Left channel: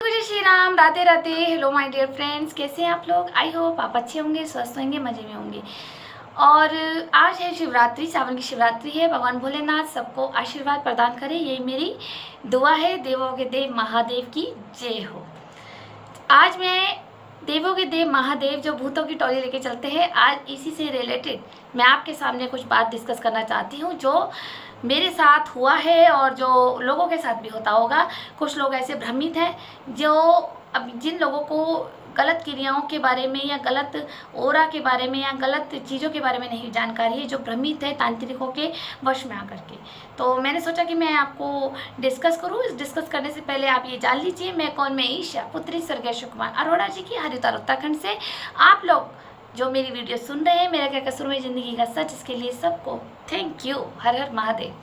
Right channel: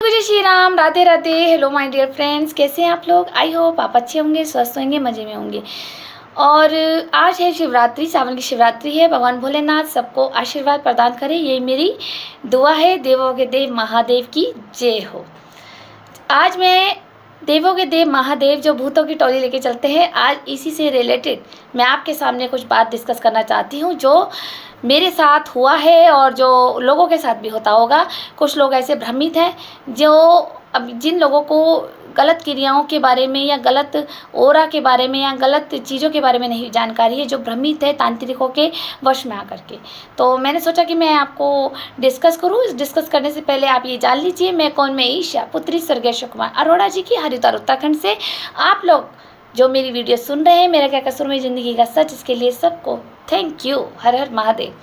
जय Shri Ram, Radhe Radhe. Hello my dear friends, कैसे हैं आप लोग? आई होप आप अच्छे होंगे, स्वस्थ होंगे, मज़े में होंगे। और आज है शिवरात्रि, सावन की शिवरात्रि है। भगवान भोलेनाथ सबको आशीर्वाद प्रदान करें, यही मेरी दुआ है। देवों के देव महादेव की जय हो। आज मैं देवों के देव महादेव जो भूतों की टोली लेके चलते हैं, आज इसी से रिलेटेड मैं आपके सामने कुछ बात डिस्कस करना चाहती हूँ जो मेरे साथ हुआ है और जो लोगों के साथ भी होता होगा। कुछ लोग ऐसे भ्रमित हैं जो अब जिन लोगों को गलत क्रियाओं के बारे में या गलत ओरा के बारे में या गलत चीज़ों के बारे में नहीं जानकारी है, जो भ्रमित है तांत्रिकों के वश में आकर के। तो मैंने सोचा कि मैं आपको डिस्कस करूँ। इस डिस्कस करने से पहले आप ये जान लीजिए, मैं कौन? मैं ईशा, पुत्री स्वर्गीय कुमार अरोड़ा जी की, हरिद्वार उत्तराखंड से। आप लोग जो मेरी वीडियो सुन रहे हैं, मेरा क्या कसूर में ज़िंदगी का सच, इसके लिए सबको थैंक यू। हर हर महादेव।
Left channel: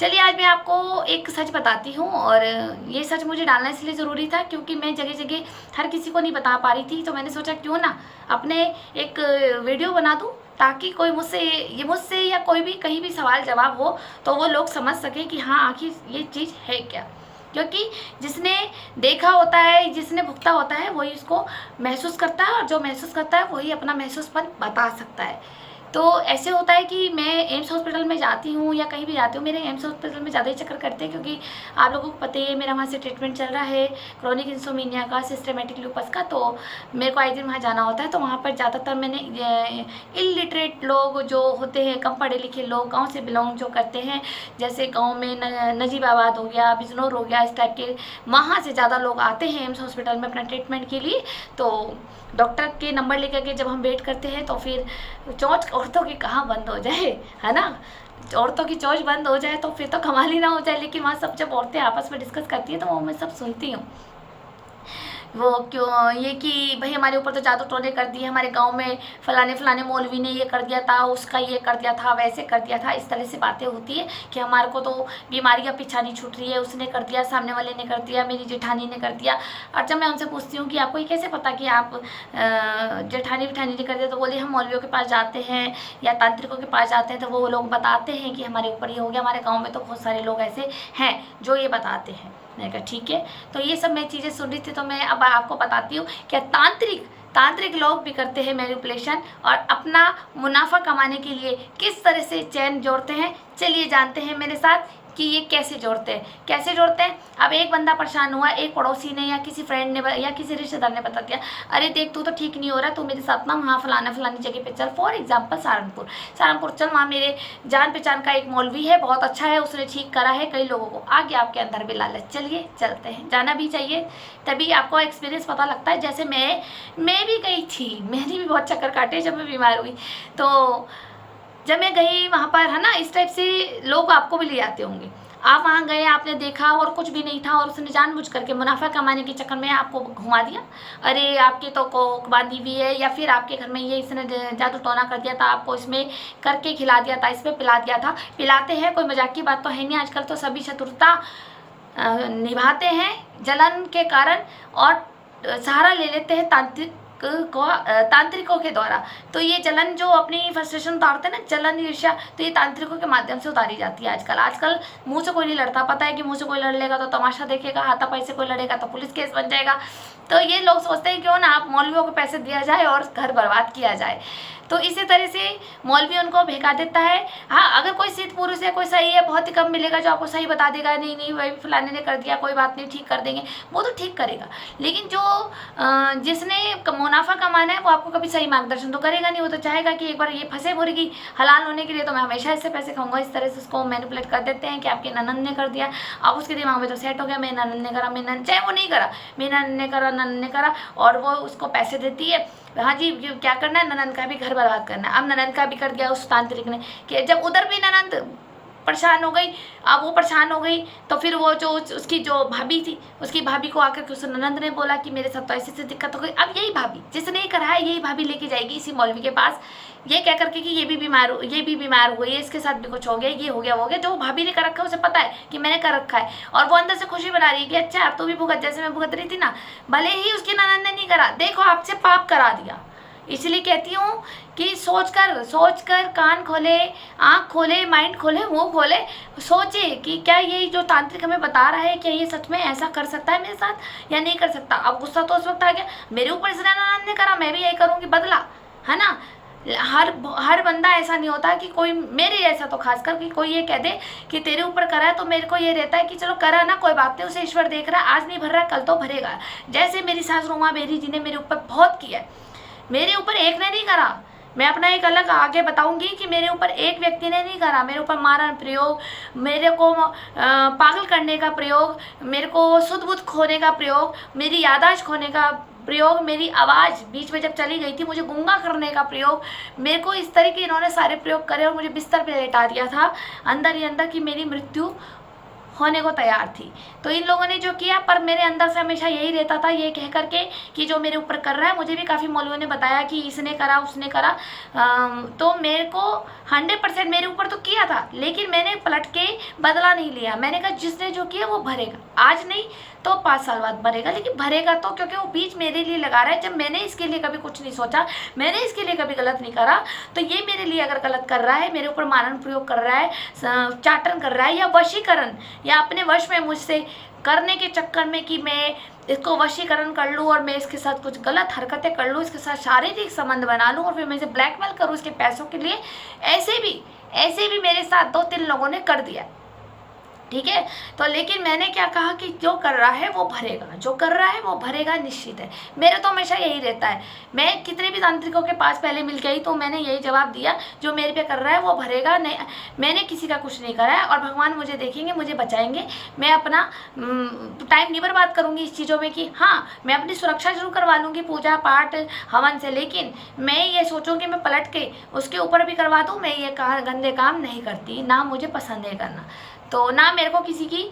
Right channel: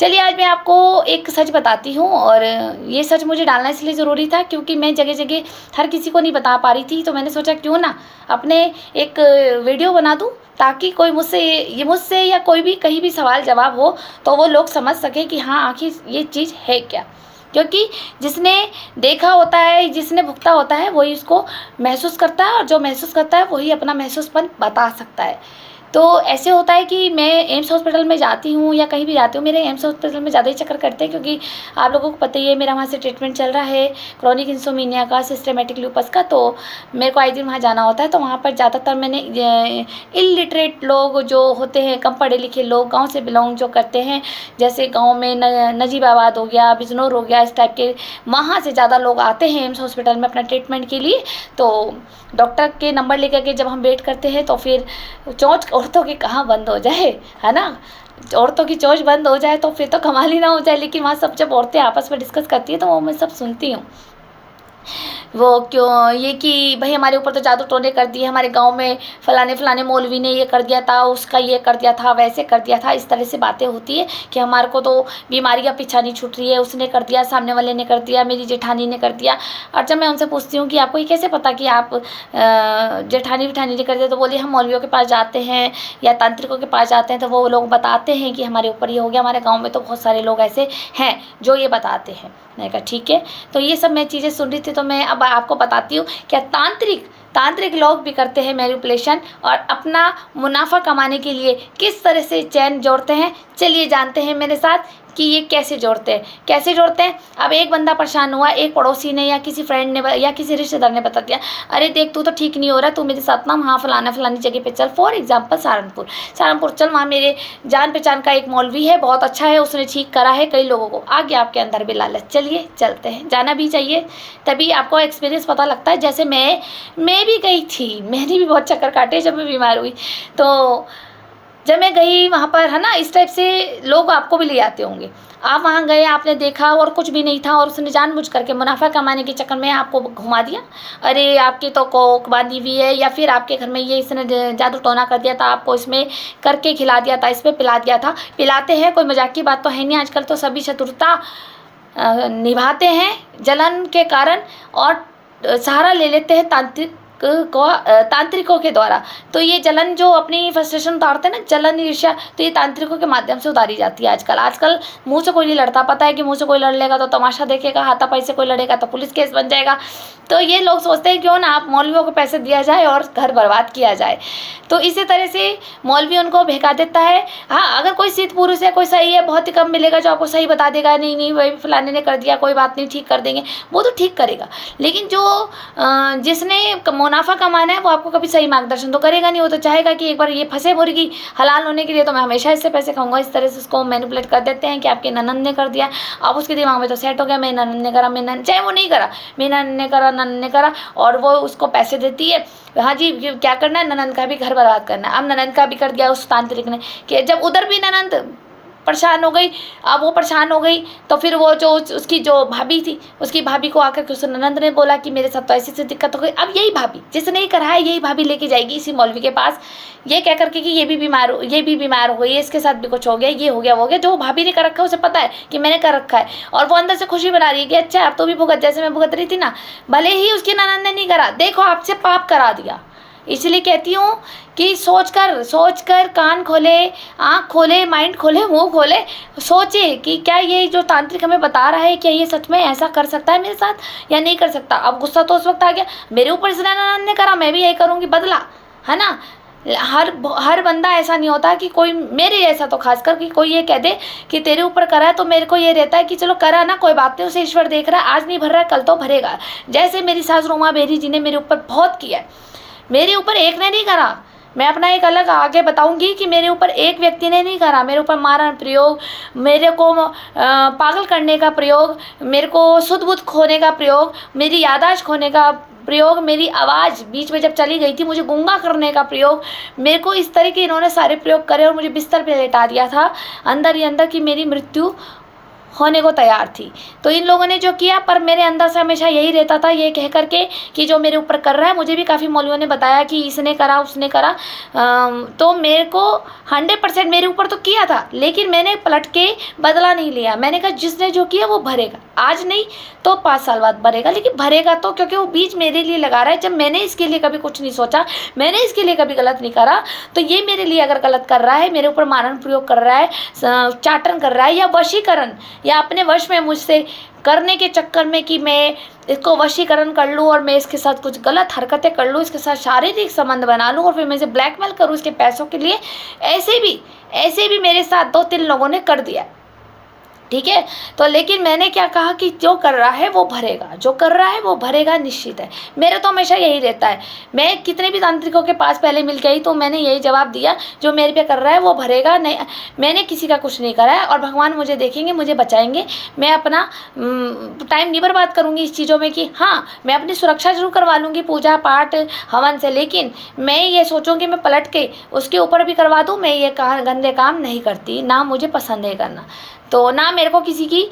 चलिए, आज मैं आपको एक सच बताती हूँ और ये सच मुझे डालना इसलिए ज़रूरी था क्योंकि मैं जगह जगह हर किसी को नहीं बता पा रही थी। तो मैंने सोचा क्यों ना अपने एक वीडियो बना दूँ ताकि कोई मुझसे या कोई भी कहीं भी सवाल जवाब हो तो वो लोग समझ सके कि हाँ आखिर ये चीज़ है क्या। क्योंकि जिसने देखा होता है, जिसने भुगता होता है, वही उसको महसूस करता है और जो महसूस करता है वही अपना महसूसपन बता सकता है। तो ऐसे होता है कि मैं एम्स हॉस्पिटल में जाती हूँ या कहीं भी जाती हूँ, मेरे एम्स हॉस्पिटल में ज़्यादा ही चक्कर करते हैं क्योंकि आप लोगों को पता ही है मेरा वहाँ से ट्रीटमेंट चल रहा है क्रॉनिक इंसोमिनिया का, सिस्टेमेटिक लूपस का। तो मेरे को आए दिन वहाँ जाना होता है। तो वहाँ पर ज़्यादातर मैंने इलिटरेट लोग जो होते हैं, कम पढ़े लिखे लोग, गाँव से बिलोंग जो करते हैं, जैसे गाँव में नजीबाबाद हो गया, बिजनौर हो गया, इस टाइप के वहाँ से ज़्यादा लोग आते हैं एम्स हॉस्पिटल में अपना ट्रीटमेंट के लिए। तो डॉक्टर के नंबर लेकर के जब हम वेट करते हैं तो फिर चोंच औरतों की कहाँ बंद हो जाए, है ना। औरतों की चोंच बंद हो जाए तो फिर तो कमाल ही ना हो जाए। लेकिन वहाँ सब जब औरतें आपस में डिस्कस करती हैं तो वो मैं सब सुनती हूँ। वो क्यों ये कि भाई हमारे ऊपर तो जादू टोने कर दिए, हमारे गांव में फलाने फलाने मौलवी ने ये कर दिया था, उसका ये कर दिया था, वैसे कर दिया था। इस तरह से बातें होती है कि हमारे को तो बीमारियां पीछा नहीं छूट रही है, उसने कर दिया, सामने वाले ने कर दिया, मेरी जेठानी ने कर दिया। और जब मैं उनसे पूछती हूँ कि आपको ये कैसे पता कि आप जेठानी विठानी ने कर दिया, तो बोले हम मौलवियों के पास जाते हैं या तांत्रिकों के पास जाते हैं तो वो लोग बताते हैं कि हमारे ऊपर ये हो गया। हमारे गाँव में तो बहुत सारे लोग ऐसे हैं जो ये बताते हैं। मैंने कहा ठीक है। तो ये सब मैं चीज़ें सुन रही थी तो मैं अब आपको बताती हूँ क्या तांत्रिक लोग भी करते हैं मैनिपुलेशन और अपना मुनाफा कमाने के लिए किस तरह से चैन जोड़ते हैं। चलिए जानते हैं मेरे साथ कि ये कैसे जोड़ते हैं। अब एक बंदा परेशान हुआ, एक पड़ोसी ने या किसी फ्रेंड ने या किसी रिश्तेदार ने बता दिया, अरे देख तू तो ठीक नहीं हो रहा, तू मेरे साथ ना वहाँ फलानी जगह पे चल। फॉर एग्जाम्पल सहारनपुर चल, वहाँ मेरे जान पहचान का एक मौलवी है, बहुत अच्छा है, उसने ठीक करा है कई लोगों को। आ गया आपके अंदर भी लालच, चलिए चलते हैं, जाना भी चाहिए, तभी आपको एक्सपीरियंस पता लगता है। जैसे मैं भी गई थी, मैंने भी बहुत चक्कर काटे जब मैं बीमार हुई। तो जब मैं गई वहाँ पर, है ना, इस टाइप से लोग आपको भी ले आते होंगे। आप वहाँ गए, आपने देखा और कुछ भी नहीं था और उसने जानबूझ करके मुनाफा कमाने के चक्कर में आपको घुमा दिया। अरे आपकी तो कोक बांधी हुई है, या फिर आपके घर में ये इसने जादू टोना कर दिया था, आपको इसमें करके खिला दिया था, इसमें पिला दिया था। पिलाते हैं, कोई मजाक की बात तो है नहीं। आजकल तो सभी चतुरता निभाते हैं जलन के कारण और सहारा ले लेते हैं तांत्रिकों के द्वारा। तो ये जलन जो अपनी फ्रस्ट्रेशन उतारते हैं ना, जलन ईर्ष्या, तो ये तांत्रिकों के माध्यम से उतारी जाती है। आजकल मुंह से कोई नहीं लड़ता, पता है कि मुंह से कोई लड़ लेगा तो तमाशा देखेगा, हाथापाई से कोई लड़ेगा तो पुलिस केस बन जाएगा। तो ये लोग सोचते हैं क्यों ना आप मौलवियों को पैसे दिया जाए और घर बर्बाद किया जाए। तो इसी तरह से मौलवी उनको बहका देता है। हाँ, अगर कोई सिद्ध पुरुष है, कोई सही है, बहुत ही कम मिलेगा जो आपको सही बता देगा, नहीं वही फलाने ने कर दिया, कोई बात नहीं, ठीक कर देंगे, वो तो ठीक करेगा। लेकिन जो जिसने मुनाफा कमाना है वो आपको कभी सही मार्गदर्शन तो करेगा नहीं। वो तो चाहेगा कि एक बार ये फंसे मुर्गी हलाल होने के लिए तो मैं हमेशा इससे पैसे खाऊंगा। इस तरह से उसको मैनिपुलेट कर देते हैं कि आपके ननद ने कर दिया। अब उसके दिमाग में तो सेट हो गया, मेरी ननद ने करा, चाहे वो नहीं करा, मेरी ननद ने करा, और वो उसको पैसे देती है। हाँ जी, क्या करना है, ननद का भी घर बर्बाद करना है। अब ननद का भी कर दिया उस तांत्रिक ने कि जब उधर भी ननद परेशान हो गई, अब वो परेशान हो गई तो फिर वो जो उसकी जो भाभी थी, उसकी भाभी को आकर के उस ननद ने बोला कि मेरे साथ तो ऐसी दिक्कत हो गई। अब यही भाभी जिसने ही करा है, यही भाभी लेके जाएगी इसी मौलवी के पास, ये कह करके कि ये भी बीमार हो गई, इसके साथ भी कुछ हो गया, ये हो गया वो हो गया। जो भाभी ने कर रखा है उसे पता है कि मैंने कर रखा है, और वो अंदर से खुशी बना रही है कि अच्छा अब तो भी भुगत, जैसे मैं भुगत रही थी ना, भले ही उसकी ननद ने नहीं करा, देखो आपसे पाप करा दिया। इसलिए कहती हूँ कि सोच कर कान खोले, आँख खोले, माइंड खोले, मुंह खोले, सोचे कि क्या ये जो तांत्रिक हमें बता रहा है क्या ये सच में ऐसा कर सकता है मेरे साथ या नहीं कर सकता। अब गुस्सा तो उस वक्त आ गया, मेरे ऊपर इस ननद ने करा, मैं भी यही करूँगी, बदला, है ना। हर बंदा ऐसा नहीं होता कि कोई मेरे ऐसा, तो खासकर कि कोई ये कह दे कि तेरे ऊपर करा है, तो मेरे को ये रहता है कि चलो करा ना, कोई बात नहीं, उसे ईश्वर देख रहा है, आज नहीं भर रहा है कल तो भरेगा। जैसे मेरी सास रोमा बेरी जी ने मेरे ऊपर बहुत किया है, मेरे ऊपर एक ने नहीं करा। मैं अपना एक अलग आगे बताऊंगी कि मेरे ऊपर एक व्यक्ति ने नहीं करा, मेरे ऊपर मारन प्रयोग, मेरे को पागल करने का प्रयोग, मेरे को शुद्ध बुद्ध खोने का प्रयोग, मेरी याददाश्त खोने का प्रयोग, मेरी आवाज़ बीच में जब चली गई थी मुझे गूंगा करने का प्रयोग, मेरे को इस तरह के इन्होंने सारे प्रयोग करे और मुझे बिस्तर पे लेटा दिया था अंदर ही अंदर कि मेरी मृत्यु होने को तैयार थी। तो इन लोगों ने जो किया, पर मेरे अंदर से हमेशा यही रहता था ये कह करके कि जो मेरे ऊपर कर रहा है, मुझे भी काफ़ी मौलवियों ने बताया कि इसने करा उसने करा, तो मेरे को 100% मेरे ऊपर तो किया था, लेकिन मैंने पलट के बदला नहीं लिया। मैंने कहा जिसने जो किया वो भरेगा, आज नहीं तो 5 साल बाद भरेगा, लेकिन भरेगा तो, क्योंकि वो बीज मेरे लिए लगा रहा है। जब मैंने इसके लिए कभी कुछ नहीं सोचा, मैंने इसके लिए कभी गलत नहीं करा, तो ये मेरे लिए अगर गलत कर रहा है, मेरे ऊपर मारण प्रयोग कर रहा है, चाटन कर रहा है, या वशीकरण, या अपने वश में मुझसे करने के चक्कर में कि मैं इसको वशीकरण कर लूँ और मैं इसके साथ कुछ गलत हरकतें कर लूँ, इसके साथ शारीरिक संबंध बना लूँ और फिर मैं इसे ब्लैकमेल करूँ इसके पैसों के लिए, ऐसे भी मेरे साथ 2-3 लोगों ने कर दिया, ठीक है। तो लेकिन मैंने क्या कहा कि जो कर रहा है वो भरेगा, जो कर रहा है वो भरेगा, निश्चित है। मेरे तो हमेशा यही रहता है, मैं कितने भी तांत्रिकों के पास पहले मिल गई तो मैंने यही जवाब दिया, जो मेरे पे कर रहा है वो भरेगा। नहीं, मैंने किसी का कुछ नहीं करा है और भगवान मुझे देखेंगे, मुझे बचाएंगे। मैं अपना टाइम नहीं बर्बाद करूँगी इस चीज़ों में कि हाँ मैं अपनी सुरक्षा जरूर करवा लूँगी पूजा पाठ हवन से, लेकिन मैं ये सोचूँ कि मैं पलट के उसके ऊपर भी करवा दूँ। मैं ये गंदे काम नहीं करती, ना मुझे पसंद है करना, तो ना मेरे को किसी की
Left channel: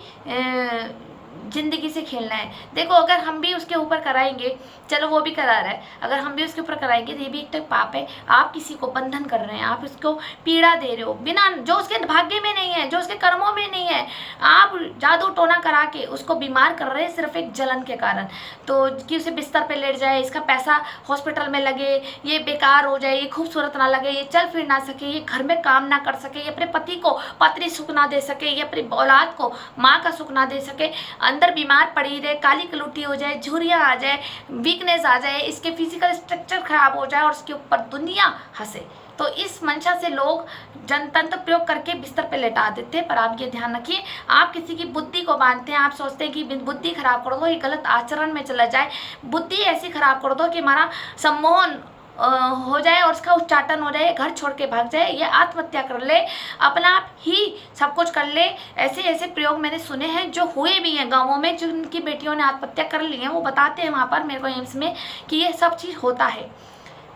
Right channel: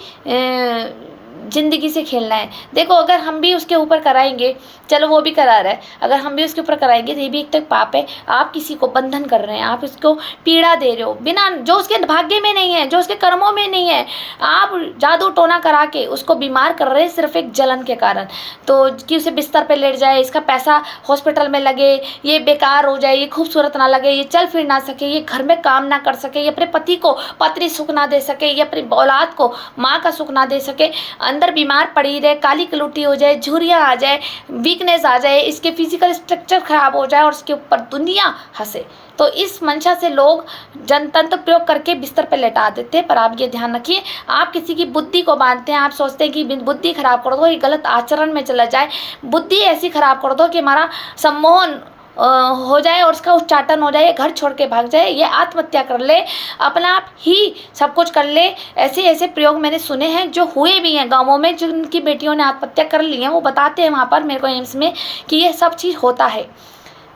ज़िंदगी से खेलना है। देखो अगर हम भी उसके ऊपर कराएंगे, चलो वो भी करा रहा है, अगर हम भी उसके ऊपर कराएंगे तो ये भी एक तो पाप है। आप किसी को बंधन कर रहे हैं, आप उसको पीड़ा दे रहे हो बिना, जो उसके भाग्य में नहीं है, जो उसके कर्मों में नहीं है। आप जादू टोना करा के उसको बीमार कर रहे हैं सिर्फ एक जलन के कारण, तो कि उसे बिस्तर पे लेट जाए, इसका पैसा हॉस्पिटल में लगे, ये बेकार हो जाए, ये खूबसूरत ना लगे, ये चल फिर ना सके, ये घर में काम ना कर सके, ये अपने पति को पत्नी सुख ना दे सके, ये अपनी औलाद को माँ का सुख ना दे सके, अंदर बीमार पड़ी रहे, काली कलूटी हो जाए, झुर्रियाँ आ जाए, वीकनेस आ जाए, इसके फिजिकल स्ट्रक्चर खराब हो जाए और उसके ऊपर दुनिया हंसे। तो इस मंशा से लोग जनतंत्र प्रयोग करके बिस्तर पर लेटा देते हैं। पर आप ये ध्यान रखिए, आप किसी की बुद्धि को बांधते हैं, आप सोचते हैं कि बुद्धि खराब कर दो, ये गलत आचरण में चला जाए, बुद्धि ऐसी खराब कर दो कि हमारा सम्मोहन हो जाए और उसका उच्चाटन हो जाए, घर छोड़ के भाग जाए, ये आत्महत्या कर ले, अपना आप ही सब कुछ कर ले। ऐसे ऐसे प्रयोग मैंने सुने हैं जो हुए भी हैं गाँवों में, जिनकी बेटियों ने आत्महत्या कर ली है, वो बताते हैं वहाँ पर मेरे को एम्स में कि ये सब चीज़ होता है।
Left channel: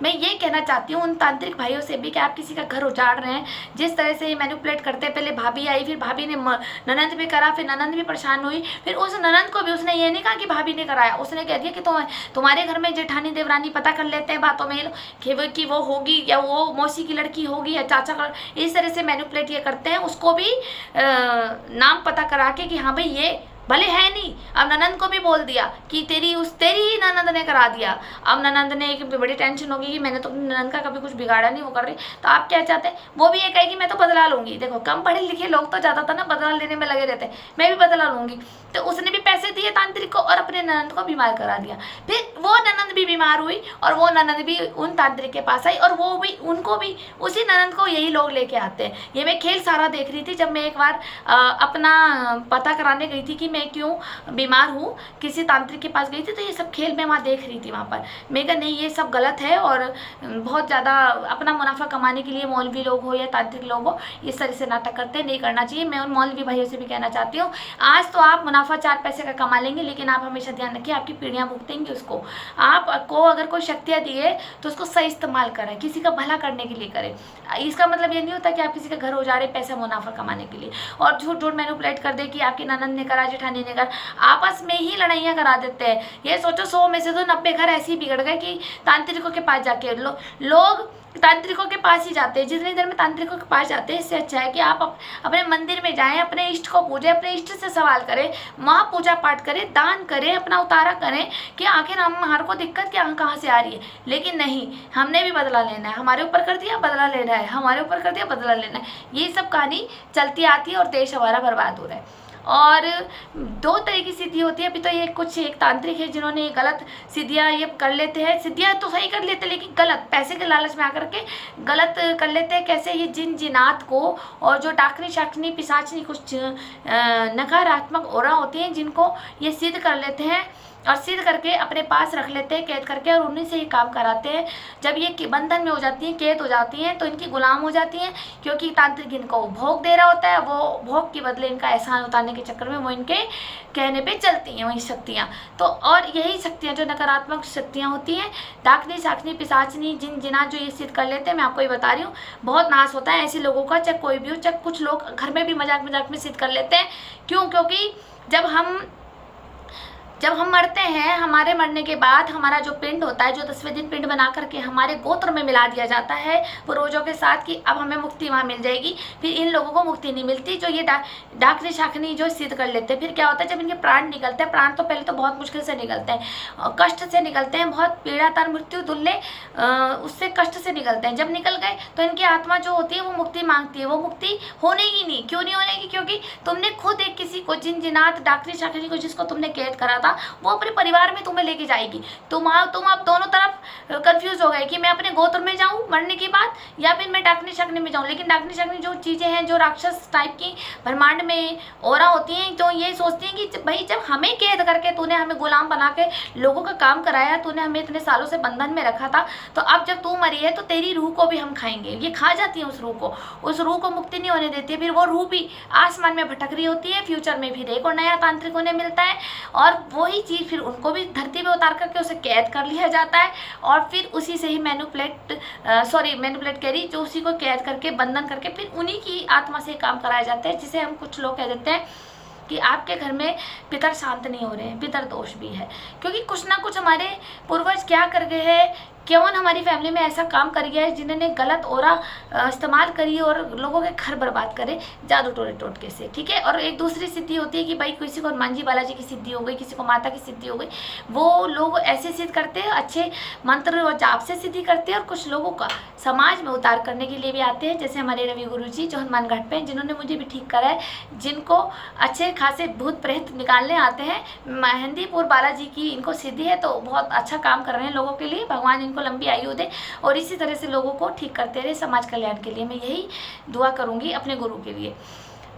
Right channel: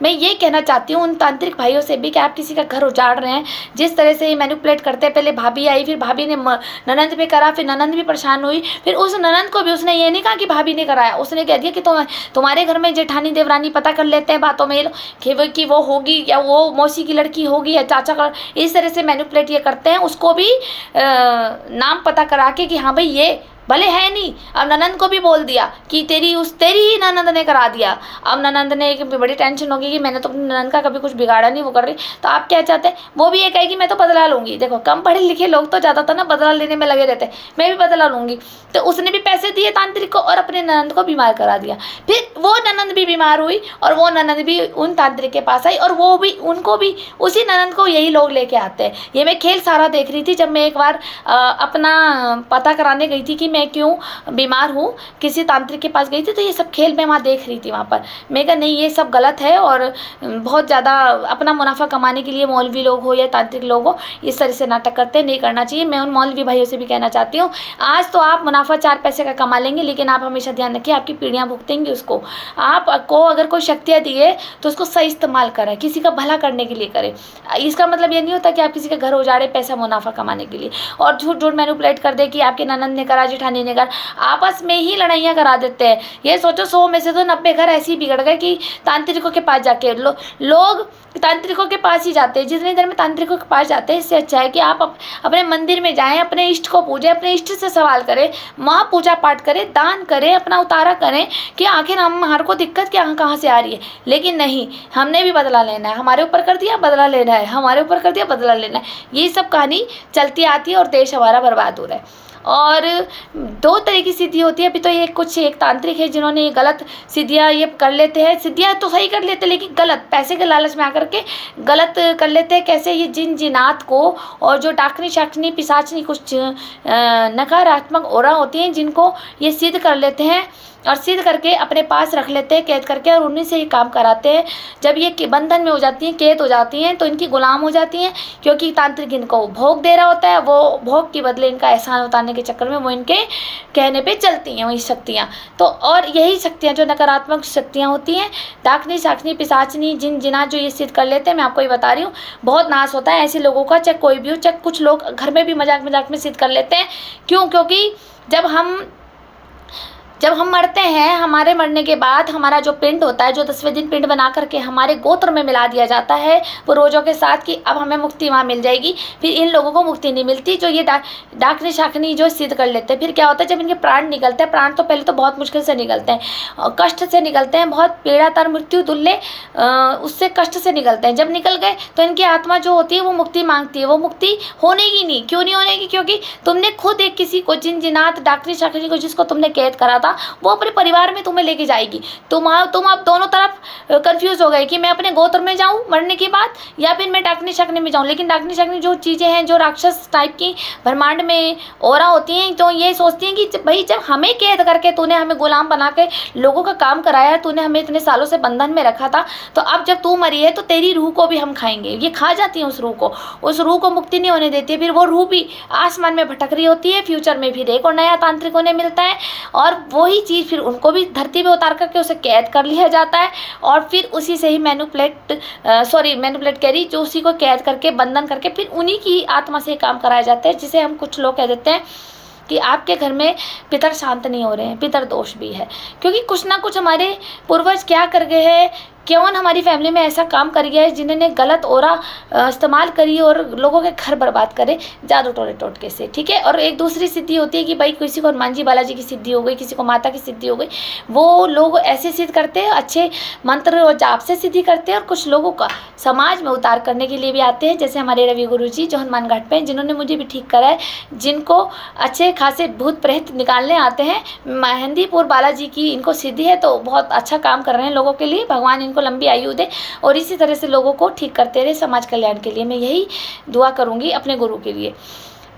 मैं ये कहना चाहती हूँ उन तांत्रिक भाइयों से भी कि आप किसी का घर उजाड़ रहे हैं, जिस तरह से ये मैनिपुलेट करते हैं। पहले भाभी आई, फिर भाभी ने ननंद पे करा, फिर ननंद भी परेशान हुई, फिर उस ननंद को भी उसने ये नहीं कहा कि भाभी ने कराया, उसने कह दिया कि तुम्हारे घर में जेठानी देवरानी पता कर लेते हैं बातों में कि वो होगी या वो मौसी की लड़की होगी या चाचा का, इस तरह से मैनिपुलेट ये करते हैं। उसको भी नाम पता करा के कि हाँ भाई ये भले है नहीं, अब ननंद को भी बोल दिया कि तेरी ही ननंद ने करा दिया। अब ननंद ने एक बड़ी टेंशन होगी कि मैंने तो अपनी ननंद का कभी कुछ बिगाड़ा नहीं, वो कर रही। तो आप क्या चाहते हैं, वो भी ये कहेगी मैं तो बदला लूँगी। देखो कम पढ़े लिखे लोग तो ज़्यादातर ना बदला लेने में लगे रहते हैं, मैं भी बदला लूँगी। तो उसने भी पैसे दिए तांत्रिक को और अपने ननंद को बीमार करा दिया। फिर वो ननंद भी बीमार हुई और वो ननंद भी उन तांत्रिक के पास आई और वो भी उनको भी उसी ननंद को यही लोग लेके आते हैं। ये मैं खेल सारा देख रही थी जब मैं एक बार अपना पता कराने गई थी कि मैं क्यों बीमार हूँ, किसी तांत्रिक के पास गई थी, तो ये सब खेल मैं वहाँ देख रही थी। वहाँ पर मैं कहा नहीं ये सब गलत है और बहुत ज़्यादा अपना मुनाफा कमाने के लिए मौलवी लोग हो या तांत्रिक लोग हो इस तरह से नाटक करते, नहीं करना चाहिए। मैं उन मौलवी भाइयों से भी कहना चाहती हूँ, आज तो आप मुनाफा 4 पैसे का कमा लेंगे, लेकिन आप हमेशा ध्यान रखिए आपकी पीढ़ियाँ भुगतेंगी उसको। आपको अगर कोई शक्तियाँ दिए तो उसको सही इस्तेमाल करें, किसी का भला करने के लिए करें। इसका मतलब ये नहीं होता कि आप किसी का घर उजाड़े पैसा मुनाफा कमाने के लिए और झूठ मैनिपुलेट कर दे कि आपके ननंद ने करा, जेठानी ने घर, आपस में ही लड़ाइयाँ करा देते हैं। ये सोचो 100 में से तो 90 घर ऐसे ही बिगड़ गए कि तांत्रिकों के पास जाके लोग तांत्रिकों के पास ही जाते हैं। जितनी देर में तांत्रिकों के पास जाते हैं, इससे अच्छा है कि आप अपने मंदिर में जाएं, अपने इष्ट को पूजें, अपने इष्ट से सवाल करें, वहाँ पूजा पाठ करें, दान करें, अपना उतारा करें कि आखिर हमारे को दिक्कत क्या कहाँ से आ रही है। लेकिन नहीं, हमने भी बदला लेना है, हमारे ऊपर कर दिया बदला लेना है, हमारे ऊपर कर दिया बदला लेना है। ये सब कहानी चलती आती है और देश हमारा बर्बाद हो रहा है। और 2 तरह की सिद्धि होती है। अभी तो ये कुछ एक तांत्रिक है जिन्होंने ये गलत सिद्धियाँ ये कर लेते हैं। सिद्धियाँ तो सही कर लेते हैं लेकिन गलत, पैसे के लालच में आकर के गलत कर लेते हैं। कैसे? ये जिन जिनात को और जो डाकनी शाकनी पिशाचनी कुछ नकारात्मक ओरा होती हैं, जिनको ये सिद्ध कर लेते हैं और सिद्ध करके अपने पास रख लेते हैं कैद करके, और उन्हीं से ये काम कराते हैं। जब ये बंधन में हो जाती हैं, कैद हो जाती हैं, तो इनकी गुलाम हो जाती हैं, क्योंकि तांत्रिक इनको भोग दे रहा होता है। वो भोग के बदले इनका एहसान उतारने के चक्कर में वो इनके कहने पे चलती हैं वही शक्तियाँ। तो और यही शक्तियाँ जो नकारात्मक शक्तियाँ होती हैं, डाकनी शाकनी पिशाचनी जिन जिनात जो ये सिद्ध कर लेते हैं, मैं आपको ये बता रही हूँ, बहुत नाश होता है ऐसे लोगों का। चाहे कोई भी हो, चाहे कुछ लोग घर में भी मजाक मजाक में सिद्ध कर लेते हैं। क्यों? क्योंकि जब हम मरते हैं, हमारे मरने के बाद हमारा जो पिंड होता है, जो 10वें दिन पिंड बना करके हमारे गोत्र में मिला दिया जाता है पूर्वजों के साथ कि अब हमें मुक्ति वहाँ मिल जाएगी। फिर इन लोगों को मुक्ति नहीं मिलती जो ये डाकनी शाकनी जो सिद्ध कर लेते हैं। फिर क्या होता है, जब इनके प्राण निकलते हैं, प्राण तो पहले तो बहुत मुश्किल से निकलते हैं, कष्ट से निकलते हैं, बहुत पीड़ातर मृत्यु तुल्य उससे कष्ट से निकलते हैं। जब निकल गए तो इनकी आत्मा जो होती है वो मुक्ति मांगती है। वो मुक्ति होने ही नहीं। क्यों नहीं होने की? क्योंकि तुमने खुद एक किसी को जिन जिनात डाकनी शाकनी को जिसको तुमने कैद करा था, वो अपने परिवार में तुम्हें लेके जाएगी। तुम अब दोनों तरफ कंफ्यूज हो गए कि मैं अपने गोत्र में जाऊं मरने के बाद या फिर मैं डाकनी शाकनी में जाऊं। लेकिन डाकनी शाकनी जो चीज़ें हैं, जो राक्षस टाइप की ब्रह्मांड में ओरा होती हैं, तो ये सोचती हैं कि भाई जब हमें कैद करके तूने हमें गुलाम बना के लोगों का काम कराया, तूने हमें इतने सालों से बंधन में रखा था, तो अब जब तू मरी है तो तेरी रूह को भी हम खाएंगे। ये खा जाती है उस रूह को मुक्ति नहीं होने देती है। फिर वो रूह भी आसमान में भटक रही होती है। फ्यूचर में फिर एक और नया तांत्रिक उन्हें मिलता है और वही चीज़ फिर उनको भी धरती में उतार करके उसे कैद कर लिया जाता है और फिर उसी से ही मैनिपुलेट कह रही, जो उसी को कैद करके बंधन करके फिर उन्हीं की आत्मा से काम कराया जाता है, जिसे हम कुछ लोग कह देते हैं कि आपके घर में पितर शांत नहीं हो रहे हैं, पितर दोष भी है। क्योंकि कुछ ना कुछ हमारे पूर्वज क्या कर गए हैं, कौन हमारी फैमिली में ऐसा काम कर गया है जिन्होंने गलत ओरा इस्तेमाल करी और लोगों के घर बर्बाद करे जादू टोरे टोटके से। ठीक है। और एक दूसरी सिद्धि होती है कि भाई किसी को हनुमान जी बालाजी की सिद्धि हो गई, किसी को माता की सिद्धि हो गई। वो लोग ऐसे सिद्ध करते हैं, अच्छे मंत्र और जाप से सिद्धि करते हैं, और कुछ लोगों का समाज में उतार करने के लिए भी आते हैं, जैसे हमारे रवि गुरु जी जो हनुमान घाट पे हैं, जिन्होंने मुझे भी ठीक करा है, जिनको अच्छे खासे भूत प्रेत निकालने आते हैं। मेहंदीपुर बालाजी की इनको सिद्धि है, तो बहुत अच्छा काम कर रहे हैं लोगों के लिए। भगवान इनको लंबी आयु दे और इसी तरह से लोगों को ठीक करते रहे समाज कल्याण के लिए। मैं यही दुआ करूंगी अपने गुरु के लिए।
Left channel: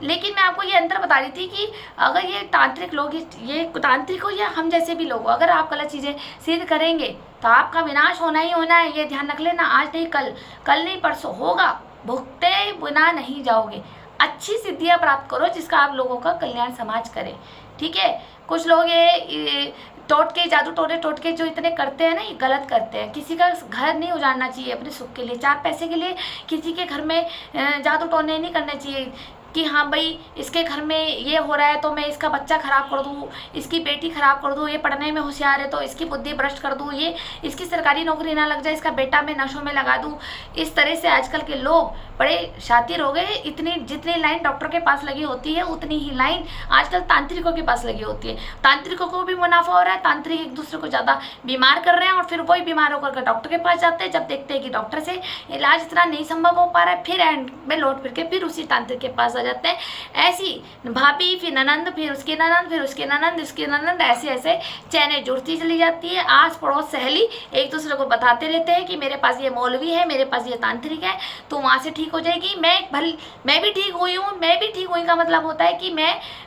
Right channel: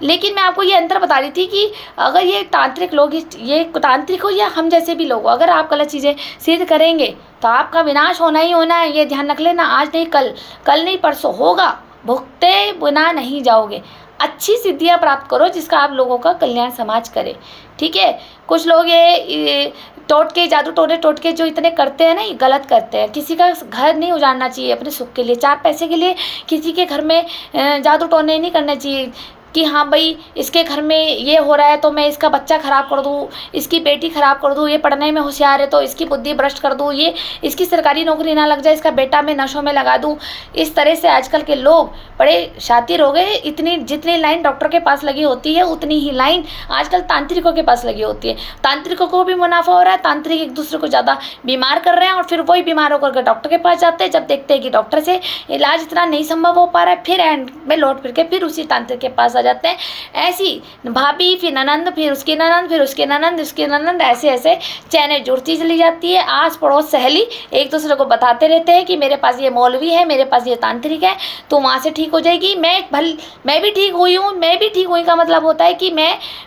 लेकिन मैं आपको ये अंतर बता रही थी कि अगर ये तांत्रिक लोग, ये तांत्रिक हो या हम जैसे भी लोग, अगर आप गलत चीज़ें सिद्ध करेंगे तो आपका विनाश होना ही होना है। ये ध्यान रख लेना। आज नहीं कल, कल नहीं परसों होगा। भुगते बिना नहीं जाओगे। अच्छी सिद्धियाँ प्राप्त करो जिसका आप लोगों का कल्याण समाज करे। ठीक है। कुछ लोग ये टोटके, जादू टोने टोटके जो इतने करते हैं ना, ये गलत करते हैं। किसी का घर नहीं उजाड़ना चाहिए अपने सुख के लिए, 4 पैसे के लिए किसी के घर में जादू टोने नहीं करना चाहिए कि हाँ भाई इसके घर में ये हो रहा है तो मैं इसका बच्चा ख़राब कर दूँ, इसकी बेटी ख़राब कर दूँ, ये पढ़ने में होशियार है तो इसकी बुद्धि भ्रष्ट कर दूँ, ये इसकी सरकारी नौकरी ना लग जाए, इसका बेटा मैं नशों में लगा दूँ। इस तरह से आजकल के लोग बड़े शातिर हो गए। जितनी लाइन डॉक्टर के पास लगी होती है उतनी ही लाइन आजकल तांत्रिकों के पास लगी होती है। तांत्रिकों को भी मुनाफा हो रहा है, तांत्रिक एक दूसरे को ज़्यादा बीमार कर रहे हैं और फिर वही बीमार होकर डॉक्टर के पास जाते हैं। जब देखते हैं कि डॉक्टर से इलाज इतना नहीं संभव हो पा रहा है, फिर एंड में लौट फिर के फिर उसी तांत्रिक के पास जाते हैं। ऐसी भाभी, फिर ननंद, फिर उसकी ननंद, फिर उसके ननंद, उसके ननंद, ऐसे ऐसे चैनें जुड़ती चली जाती है। आस पड़ोस सहेली एक दूसरे को बताते रहते हैं कि मेरे पास ये मौलवी है, मेरे पास ये तांत्रिक है, तो वहाँ से ठीक हो जाएगी। मैं भी ठीक हुई हूँ, मैं भी ठीक हुई का मतलब होता है कि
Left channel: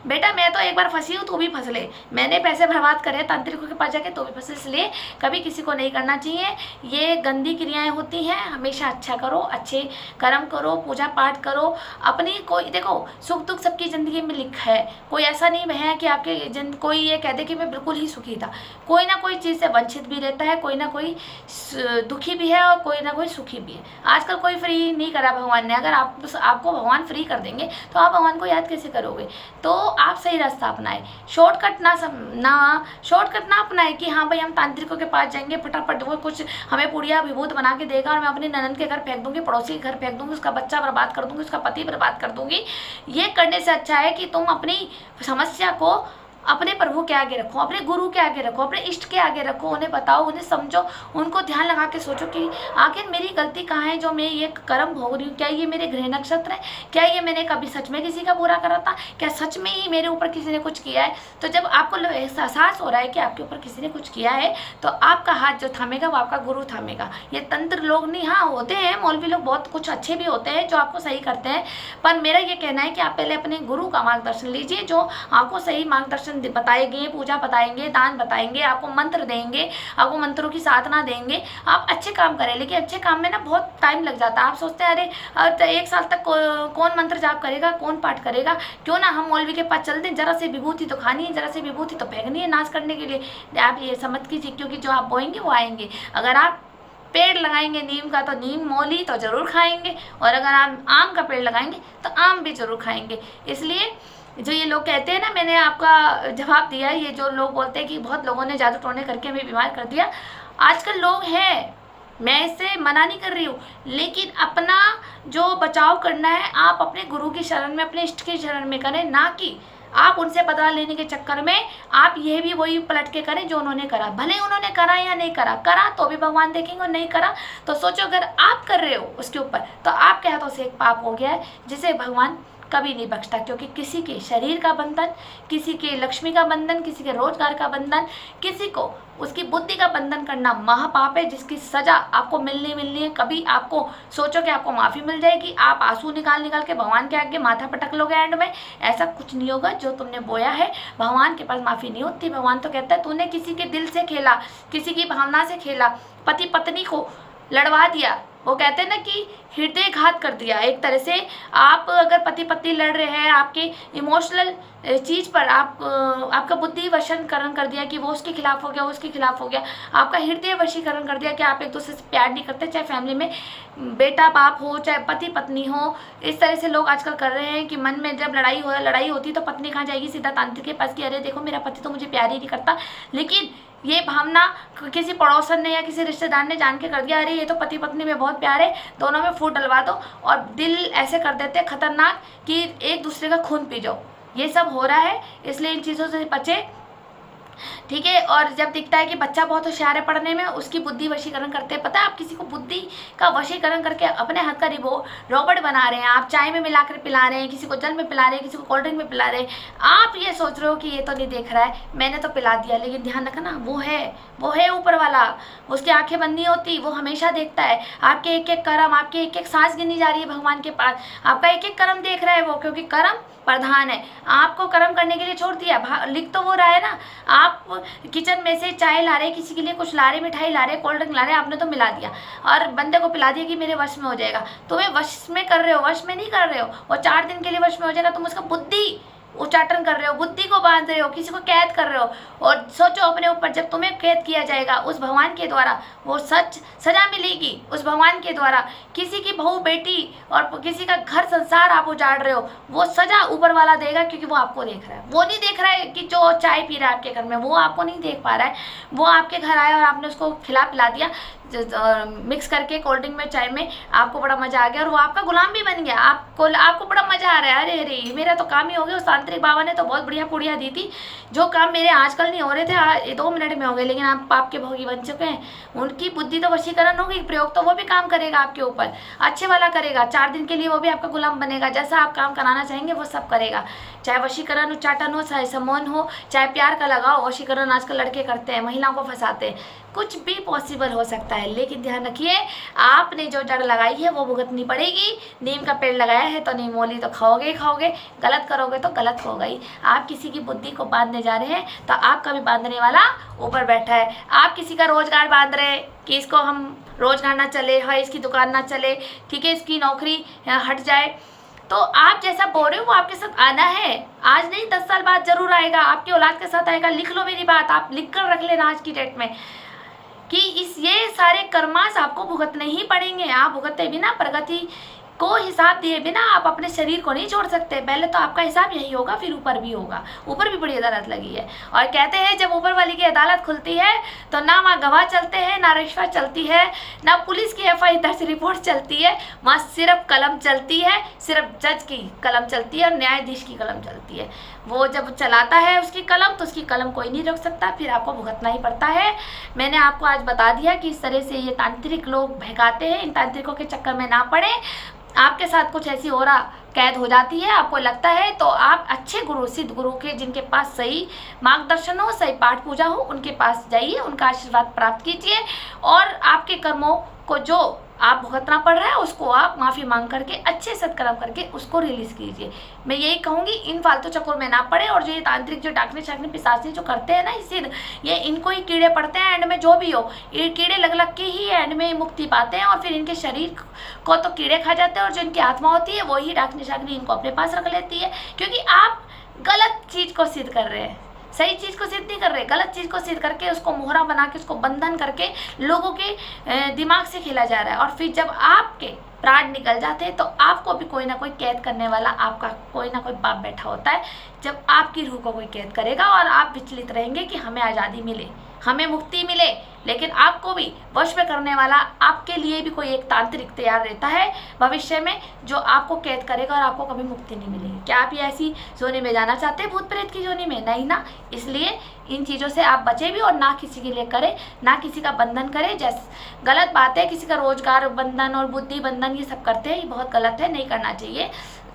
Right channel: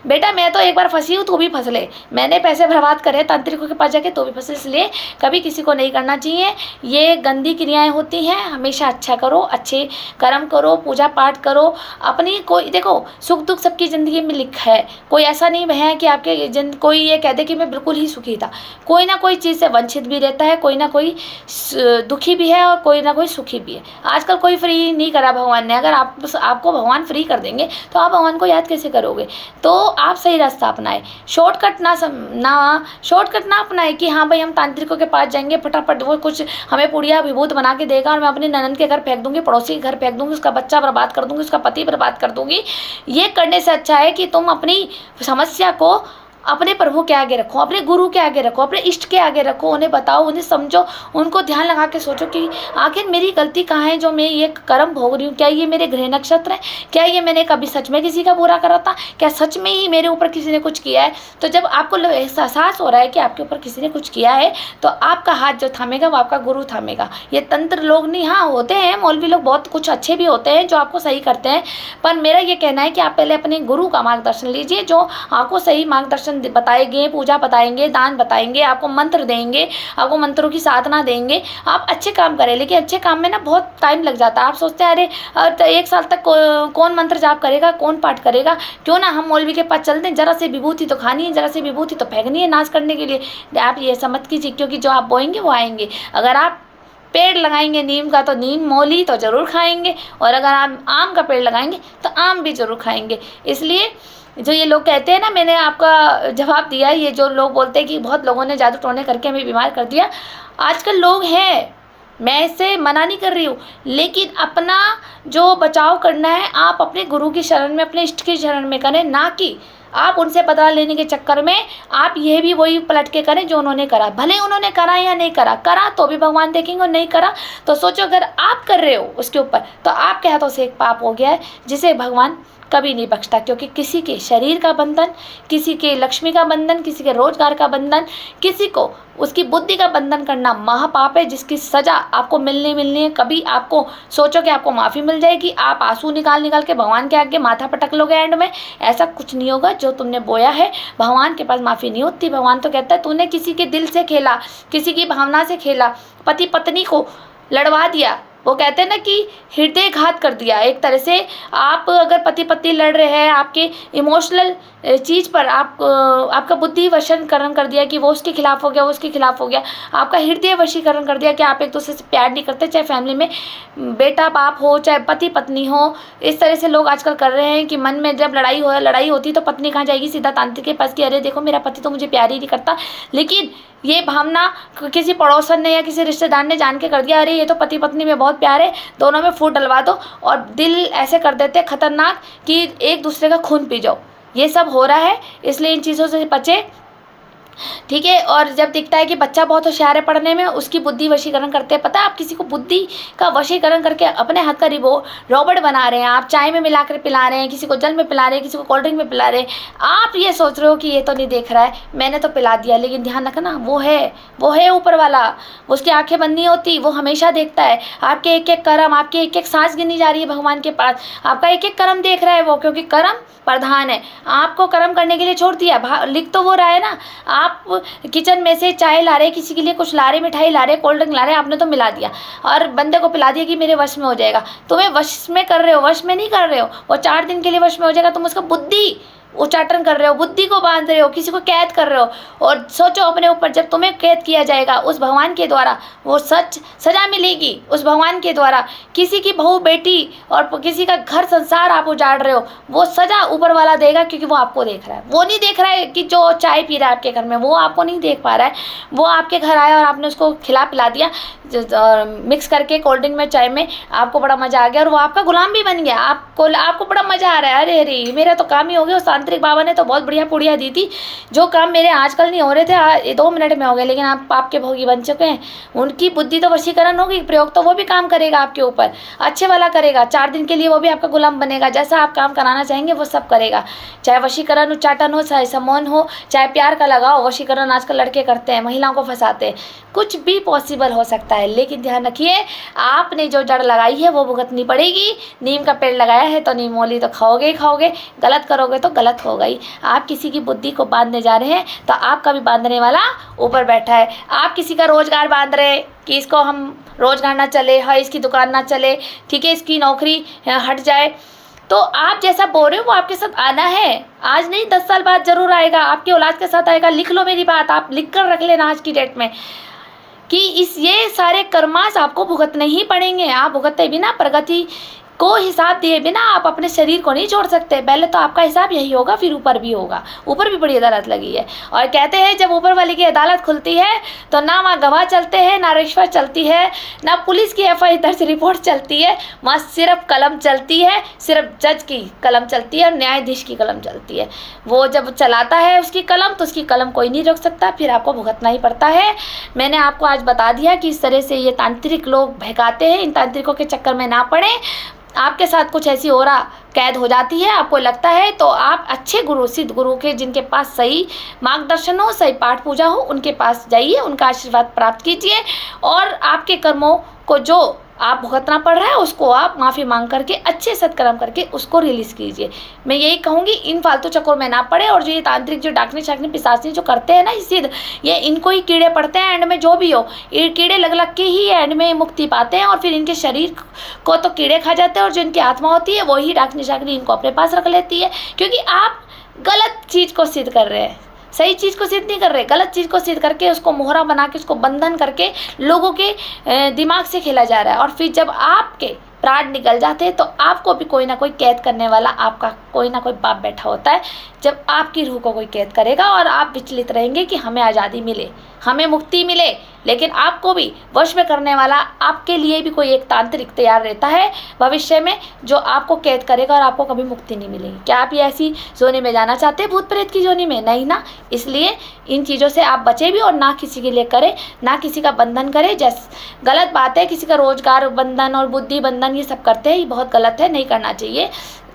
बेटा मैं तो एक बार फंसी हूँ, तू भी फंस ले। मैंने पैसे बर्बाद करे तांत्रिकों के पास जाके, तो भी फंसे। इसलिए कभी किसी को नहीं करना चाहिए। ये गंदी क्रियाएं होती हैं। हमेशा अच्छा करो, अच्छे कर्म करो, पूजा पाठ करो। अपनी कोई देखो देखो सुख दुख सबकी ज़िंदगी में लिखा है, कोई ऐसा नहीं है कि आपके कोई ये कह दे कि मैं बिल्कुल ही सुखी था। कोई ना कोई चीज़ से वंचित भी रहता है, कोई ना कोई दुखी भी है और कोई ना कोई सुखी भी है। आजकल कोई फ्री नहीं करा भगवान ने। अगर आपको भगवान फ्री कर देंगे तो आप भगवान को याद कैसे करोगे? तो आप सही रास्ता अपनाएं, शॉर्टकट ना अपनाए कि हाँ भाई हम तांत्रिकों के पास जाएंगे, फटाफट वो कुछ हमें पुड़िया विभूत बना के देगा और मैं अपनी ननद के घर फेंक दूंगी, पड़ोसी के घर फेंक दूंगी, उसका बच्चा बर्बाद कर दूंगी, उसका पति बर्बाद कर दूंगी। ये करने से अच्छा है कि तुम अपनी समस्या को अपने प्रभु के आगे रखो, अपने गुरु के आगे रखो, अपने इष्ट के आगे रखो, उन्हें बताओ, उन्हें समझो, उनको ध्यान लगा के सोचो कि आखिर मेरी गलती कहाँ है जो मैं ये कर्म भोग रही हूँ। क्या ये मेरे गृह नक्षत्र है? क्या ये मैंने कभी सच में किसी का बुरा करा था? क्या सच में ही मेरे ऊपर किसी ने कुछ किया है? तो जब आपको एहसास हो रहा है कि आपके ऊपर किसी ने कुछ किया है तो आपका हाथ जो थामेगा वो आपका गुरु थामेगा। ये तंत्र लोग नहीं, हाँ होते हैं मौलवी लोग, बहुत कुछ अच्छे भी होते हैं जो आपको सही करते हैं, पर मेरा ये कहना है कि आप पहले अपने गुरु का मार्गदर्शन लीजिए जो आपको सही मार्गदर्शन बताएंगे, पूजा बताएंगे, दान बताएंगे, आपको मंत्र देंगे, आपको मंत्रों की साधना देंगे। आप अच्छे काम करें, लेकिन अच्छे काम में ना बहुत टाइम लग जाता है। आप सोचते हैं अरे 1 साल तक कौन मंत्र जाप करेगा, कौन पाठ करेगा, क्यों ना हम मौलवी के पास चलते हैं, जरा सी विभूति तो खानी है, जरा सी विभूति तो फेंकनी है नाश करने के लिए। आप ये समझ कीजिए, क्योंकि जो आप बोएंगे वो आएंगे। अगर आप पेड़ लगाएंगे नीम का तो नीम मौली तो ज़रूर खाएंगे, और अगर आप आम का पेड़ लगाएंगे तो आम भी ज़रूर खाएंगे। इसलिए जो ये लोग कहते हैं ना, मैंने आपका जवाब दिया, ये जो लोग बोलते हैं कि बहुत लोगों ने जादू टोने करके हमें बीमार कर दिया, आजकल लोग हैं, मैं इससे मना नहीं कर रही हूँ, लेकिन अपना जो बचाव करना है आप अपने गुरु की शरण में, अपने इष्ट की शरण में करें, ना कि आप उनसे बदला लेने के चक्कर में आप ये भी वही पलट के करें जो उन्होंने करा। भले उन्होंने करा या नहीं करा, करा तो भी भगवान देखेंगे, और नहीं करा तो सोचो अगर आप कर रहे हो उसके ऊपर तो आपके हाथों से एक पाप हो गया है जिसे भगवान कभी नहीं बख्शता। क्योंकि किसी के शरीर का बंधन, किसी के लक्ष्मी का बंधन, किसी के रोजगार का बंधन, किसी को उसकी बुद्धि का बंधन करना महापाप है, जिसकी सजा आपको मिलनी है। कभी आपको सोचो कि आपको माफ़ी मिल जाएगी, आप आंसू निकाल के भगवान के आगे माथा पटक लोगे एंड में, ऐसा कुछ नहीं होगा। जो तुमने बोया है भगवान के पास माफ़ी नहीं होती। भगवान तो कहता है तूने किसी के दिल से खेला, किसी की भावना से खेला, पति पत्नी को लड़वा दिया, वो कहते हैं ना कि हृदय घात कर दिया एक तरह से। आप अगर पति पत्नी लड़ रहे हैं, आपके इमोशनल चीज़ पर आपका बुद्धि वशीकरण कर दिया कि वो उसके खिलाफ हो गया, वो उसके खिलाफ हो गया, आपका हृदय वशीकरण कर दिया कि आप एक दूसरे से प्यार नहीं करते, चाहे फैमिली में बेटा बाप हो, चाहे पति पत्नी हो। इस तरह से लोग आजकल कर रहे हैं कि मन में जब लड़ाई होती तो पत्नी कहाँ जाएगी, सीधा तांत्रिक के पास कि अरे देखो मेरा पति तो मुझे प्यार ही नहीं करता। लेकिन ये भावना किसी पड़ोसन ने या किसी रिश्तेदार ने जान के कर दिया, अरे ये तो पति पत्नी में बहुत प्यार है, दोनों में फूट डलवा दो, और दिल ऐसे कर देते हैं खतरनाक कि एक दूसरे का खून पी जाओ। ये सब हो रहा है, इसलिए इन चीज़ों से बचे, ठीक है। और जब दिखता है कि बच्चा बहुत होशियार है पढ़ने में, उसकी बुद्धि वशीकरण करते हैं। पता है आप किसी को बुद्धि का वशीकरण करके अपने हाथ का रॉबर्ट बना रहे हैं, आप चाय में मिला कर पिला रहे हैं, किसी को जल में पिला रहे हैं, किसी को कोल्ड ड्रिंक में पिला रहे हैं। आप ये सोच रहे हो कि ये तो नहीं देख रहा है, मैंने तो पिला दिया, लेकिन ध्यान रखना वो है ऊपर वाला, उसकी आंखें बंद नहीं होती, वो हमेशा देखता है आपके एक एक कर्म, आपकी एक एक सांस गिनी जा रही है भगवान के पास, आपका एक एक कर्म देख रहा है वो, क्योंकि कर्म प्रधान है। आपको कर्म करने के लिए छोड़ दिया, लिख तो वो रहा है ना, आप किचन में से चाय ला रहे, किसी के लिए कुछ ला रहे, मिठाई ला रहे, कोल्ड ड्रिंक ला रहे, आपने तो मिला दिया और बंदे को पिला दिया कि मेरे वश में हो जाएगा। तुम्हें वश में कर रहे हो, वश में नहीं कर रहे हो, वो 4 दिन के लिए वश में हो जाएगा। तुम उसका बुद्धि उच्चाटन कर रहे हो, बुद्धि को बांध रहे हो, किसी को कैद कर रहे हो। और सोचो अपने ऊपर, जब तुम्हें कैद किया जाएगा उस भगवान के द्वारा, वो सजा मिलेगी उस भगवान के द्वारा। किसी की बहू बेटी और किसी का घर संसार आप उजाड़ रहे हो, वो सजा ऊपर वाला देगा, क्योंकि वो आपको देख रहा है। वो नहीं देख रहा है कि जो चाय पी रहा है आपके घर में, वो आपको नहीं देख पा रहा है। वो आपके घर आया और आपने उसको खिला पिला दिया मिक्स करके कोल्ड ड्रिंक में, चाय में, आपको बड़ा मजा आ गया और वो आपका गुलाम भी बन गया। आपको बड़ा मजा आ रहा है, अरे अरे मेरा तो काम ही हो गया, तांत्रिक बाबा ने तो बहुत बढ़िया पुड़िया दी थी, जो काम मेरे आजकल नहीं हो रहे थे 2 मिनट में हो गए, लेकिन आप पाप के भोगी बन चुके हैं। उनकी बुद्धि तो वशीकरण होगी, प्रयोग तो वो भी काम करेगा आपके ऊपर, अच्छे वाला करेगा। 4 दिन के लिए वो भी आपका गुलाम बनेगा, जैसा आप काम कराना चाहेंगे वो सब करेगा। चाहे वशीकरण उच्चाटन हो, चाहे समोन हो, चाहे प्यार का लगाओ, वशीकरण आजकल लड़के करते हैं, महिलाओं को फंसाते हैं, कुछ भी पॉसिबल हो सकता है। लेकिन ध्यान रखिए, आपने जो जड़ लगाई है वो भुगतनी पड़ेगी। नीम का पेड़ लगाया है तो नीम मूली तो खाओगे ही खाओगे, गलत करोगे तो गलत होगा ही। आप किसी की बुद्धि को बांधने जा रहे हैं तो आपका भी बांधने वाला ऊपर बैठा है। आप किसी का रोजगार बांध रहे कि इसको हम रोजगार ना चले, हाँ इसकी दुकान ना चले, ठीक है, इसकी नौकरी हट जाए, तो आप जैसा बोल रहे हो वो आपके साथ आना है, आज नहीं 10 साल बाद जरूर आएगा, आपकी औलाद के साथ आएगा। लिख लो मेरी बात, आप लिख कर रख लेना आज की डेट में कि ये सारे कर्मास आपको भुगतने ही पड़ेंगे। आप भुगते बिना, प्रगति को हिसाब दिए बिना आप अपने शरीर को नहीं छोड़ सकते। पहले तो आपका हिसाब यही होगा, फिर ऊपर भी होगा। ऊपर भी बड़ी अदालत लगी है, और कहते हैं जब ऊपर वाले की अदालत खुलती है तो ना वहाँ गवाह चलते हैं, ना रिश्वत चलती है, ना पुलिस की FI दर्ज रिपोर्ट चलती है। वहाँ सिर्फ कलम चलती है, सिर्फ जज की कलम चलती है और न्यायाधीश की कलम चलती है। वो जब चलाता है उसकी कलम, तो उसकी कलम कोई नहीं रोक सकता, फिर आपको भुगतना ही पड़ता है। मैंने आपको आज बता दिया कि इस तरह से ये तांत्रिक लोग बहकाते हैं। इन तांत्रिकों के चक्कर में ना पड़े। आपके साथ कुछ ऐसी हो रहा कैद हो जाती है, आपको लगता है, तो आप अच्छे गुरु, सिद्ध गुरु के, जिनके पास सही मार्गदर्शन हो, सही पाठ पूजा हो, उनके पास जाइए, उनका आशीर्वाद प्राप्त कीजिए, और आपके कर्मों को जो आप भुगतना पड़ रहा है उसको आप माफ़ी मांग करके, अच्छे सत्कर्म करके उसको रिलीज़ कीजिए। मैं यही कहूँगी, इन फालतू चक्करों में ना पड़े। और जो ये तांत्रिक, जो डाकनी शाकनी पिशाचनी जो करते हैं ना, सिद्ध, ये इनको ही कीड़े पड़ते हैं। एंड में जो भी हो, ये कीड़े लग लग के ही एंड में मुक्ति पाते हैं, और फिर इनके शरीर को तो कीड़े खा जाते हैं, और जो इनकी आत्मा होती है वही डाकनी शाकनी इनको अपने पास रख लेती है। क्योंकि आप गलत चीज़ को सिद्ध कर रहे हैं, सही चीज़ को सिद्ध नहीं कर रहे, गलत चीज़ को सिद्ध करके उसको मोहरा बना के, उसको बंधन करके लोगों के दिमाग से खेला जा रहा है। और फिर जब आपके प्राण निकल जाते हैं तो आपको भी कोई ना कोई कैद करने वाला, आपका कोई ना कोई बाप बैठा होता है। जब आपकी रूह को कोई कैद करेगा और आप विचलित रहेंगे कि हमें आज़ादी मिले, हमें मुक्ति मिले, लेकिन आपको भी वश में करने वाला आपके लिए भी कोई एक तांत्रिक तैयार रहता है भविष्य में, जो आपको कैद करेगा और आपको कभी मुक्ति नहीं मिलेगी। क्या आप ये ऐसी जोनी में जाना चाहते हैं, भूत प्रेत की जोनी में? नहीं ना। इसलिए इन चीज़ों से आप बचे भी, और ना किसी के लिए करें, ना किसी का बंधन करें। जैसे गलत बात है, किसी का रोजगार बंधन और बुद्धि बंधन ये सब करते हैं, ये बहुत गलत है, नहीं करना चाहिए।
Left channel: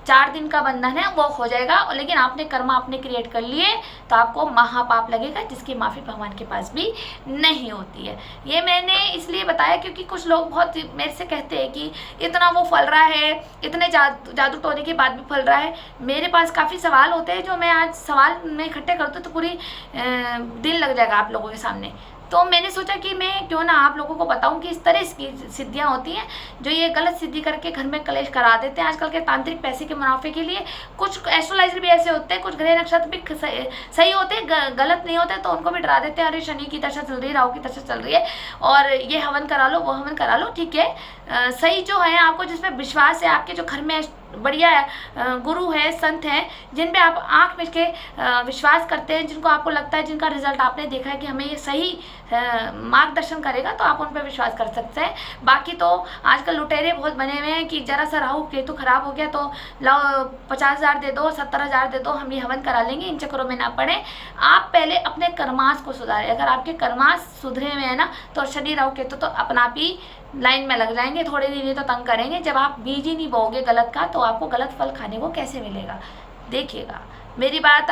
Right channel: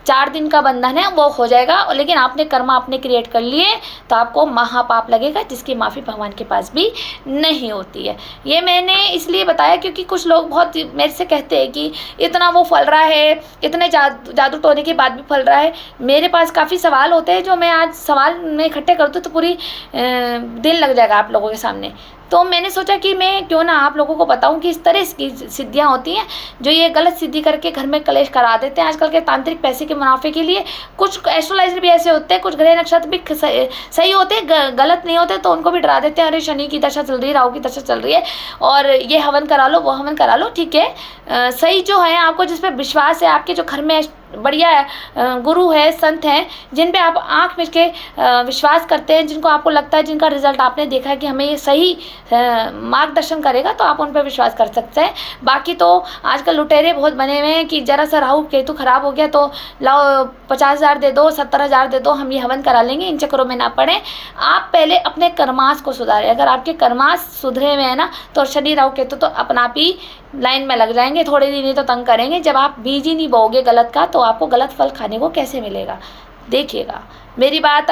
4 दिन का बंधन है, वो हो जाएगा, लेकिन आपने कर्म आपने क्रिएट कर लिए तो आपको महापाप लगेगा, जिसकी माफ़ी भगवान के पास भी नहीं होती है। ये मैंने इसलिए बताया क्योंकि कुछ लोग बहुत मेरे से कहते हैं कि इतना वो फल रहा है, इतने जादू टोने के बाद भी फल रहा है। मेरे पास काफ़ी सवाल होते हैं, जो मैं आज सवाल में इकट्ठे कर दूँ तो पूरी दिन लग जाएगा आप लोगों के सामने। तो मैंने सोचा कि मैं क्यों ना आप लोगों को बताऊं कि इस तरह की सिद्धियां होती हैं, जो ये गलत सिद्धि करके घर में कलेश करा देते हैं आजकल के तांत्रिक, पैसे के मुनाफे के लिए। कुछ एस्ट्रोलॉजर भी ऐसे होते हैं, कुछ ग्रह नक्षत्र भी सही होते हैं, गलत नहीं होते, तो उनको भी डरा देते हैं, अरे शनि की दशा चल रही है, राहु की दशा चल रही है, और ये हवन करा लो, वो हवन करा लो। ठीक है, सही जो है, आपको जिस पर विश्वास है, आपके जो घर में बढ़िया गुरु है, संत हैं, जिन पे आप आंख मिच के विश्वास करते हैं, जिनको आपको लगता है, जिनका रिजल्ट आपने देखा है कि हमें ये सही मार्गदर्शन करेगा, तो आप उन पर विश्वास कर सकते हैं। बाकी तो आजकल लुटेरे बहुत बने हुए हैं कि जरा सा राहु केतु खराब हो गया तो लाओ 50,000 दे दो, 70,000 दे दो, हम ये हवन करा लेंगे। इन चक्करों में ना पड़े। आप पहले अपने कर्मास को सुधारें। अगर आपके कर्मास सुधरे हुए हैं ना, तो शनि राहु केतु तो अपना आप ही लाइन में लग जाएंगे, थोड़े दिन ही तो तंग करेंगे। जब आप बीज ही नहीं बोओगे गलत का, तो आपको गलत फल खाने को कैसे मिलेगा? देखिएगा, मेरी बात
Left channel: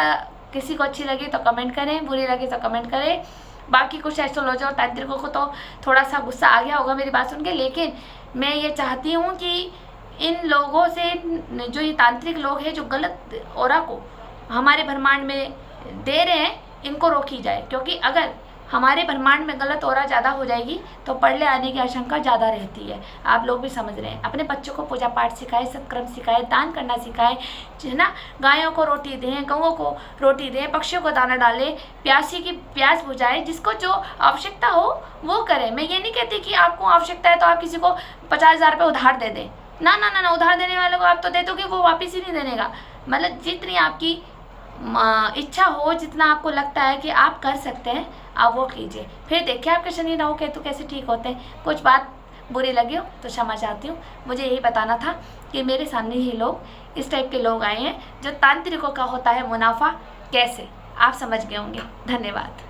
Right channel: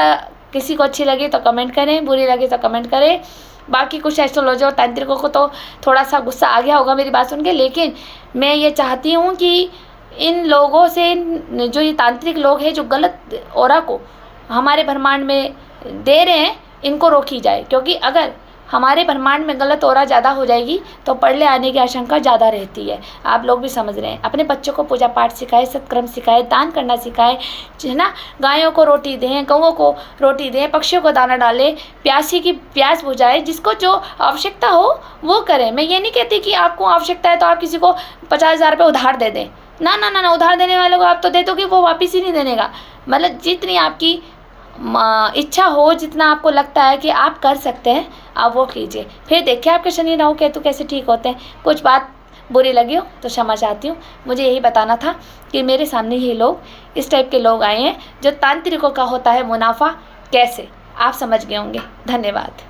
किसी को अच्छी लगी तो कमेंट करें, बुरी लगी तो कमेंट करें। बाकी कुछ एस्ट्रोलॉजर और तांत्रिकों को तो थोड़ा सा गुस्सा आ गया होगा मेरी बात सुन के, लेकिन मैं ये चाहती हूँ कि इन लोगों से, जो ये तांत्रिक लोग हैं, जो गलत ऑरा को हमारे ब्रह्मांड में दे रहे हैं, इनको रोकी जाए। क्योंकि अगर हमारे ब्रह्मांड में गलत ऑरा ज़्यादा हो जाएगी तो पड़ले आने की आशंका ज़्यादा रहती है। आप लोग भी समझ रहे हैं। अपने बच्चों को पूजा पाठ सिखाए, सत्कर्म सिखाए, दान करना सिखाए, है ना। गायों को रोटी दें, गौओं को रोटी दें, पक्षियों को दाना डालें, प्यासी की प्यास बुझाए, जिसको जो आवश्यकता हो वो करें। मैं ये नहीं कहती कि आपको आवश्यकता है तो आप किसी को 50,000 रुपये उधार दे दें। ना ना ना ना, उधार देने वालों को आप तो दे दोगे, वो वापस ही नहीं देने का। मतलब जितनी आपकी इच्छा हो, जितना आपको लगता है कि आप कर सकते हैं, आप वो कीजिए। फिर देखिए आपके शनि राहु केतु कैसे ठीक होते हैं। कुछ बात बुरी लगी हो तो क्षमा चाहती हूँ। मुझे यही बताना था कि मेरे सामने ये लोग, इस टाइप के लोग आए हैं, जो तांत्रिकों का होता है मुनाफा कैसे, आप समझ गए होंगे। धन्यवाद।